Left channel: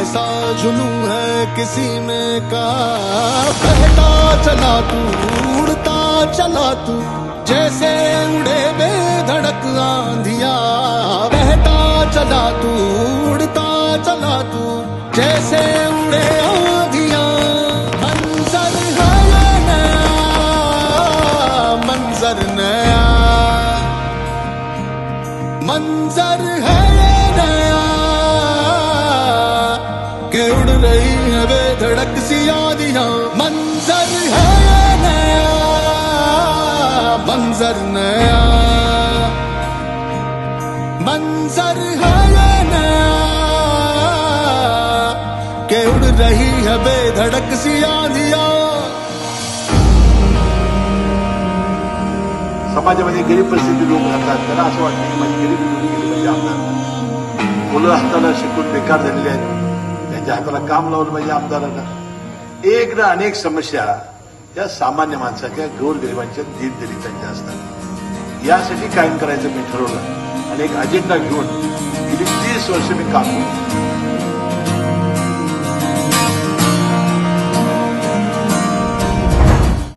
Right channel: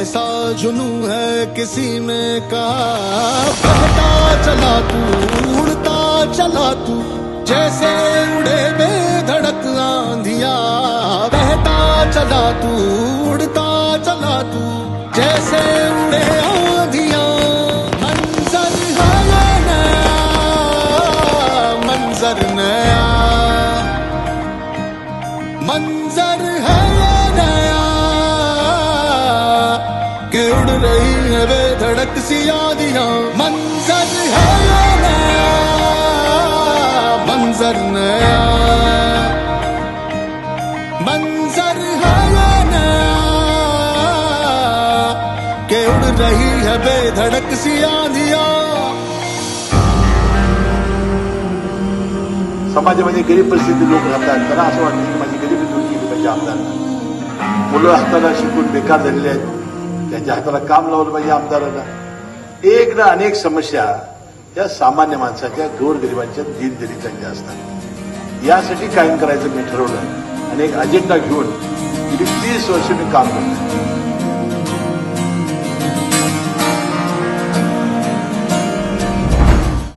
ऐसा जुनू है किसी में का। बहता चला तू, उड़ता चला तू, जैसे उड़े बेधड़क आंधिया। बहता चला तू, उड़ता चला तू, जैसे उड़े आंधिया। मंजर है नया, मंजर नया। मंजर है कि उड़ रही है बेधड़क सी यादियाँ मंजर है ये नया? मंजर नया। मंजर है ये नया? कि उड़ रही है वे धड़क सी यादियाँ समाजामध्ये गरीब परिस्थिती लोक राहतात त्यांना असं वाटतं की माझी गरिबी दूर केली पाहिजे आमदारांना मुलं हाताला शिकून बेकार झालेली आहेत त्यांच्या हाताला काम लावलं पाहिजे आमदारांना. एक ना अनेक समस्या त्या सामान्य माणसाच्या गोरगरिबांच्या दिनदलितांच्या असतात. यासाठी कायम करायचं मी ठरवलं. आणि एक अजेंडा घेऊन गेली तीस वर्ष मी काम करतो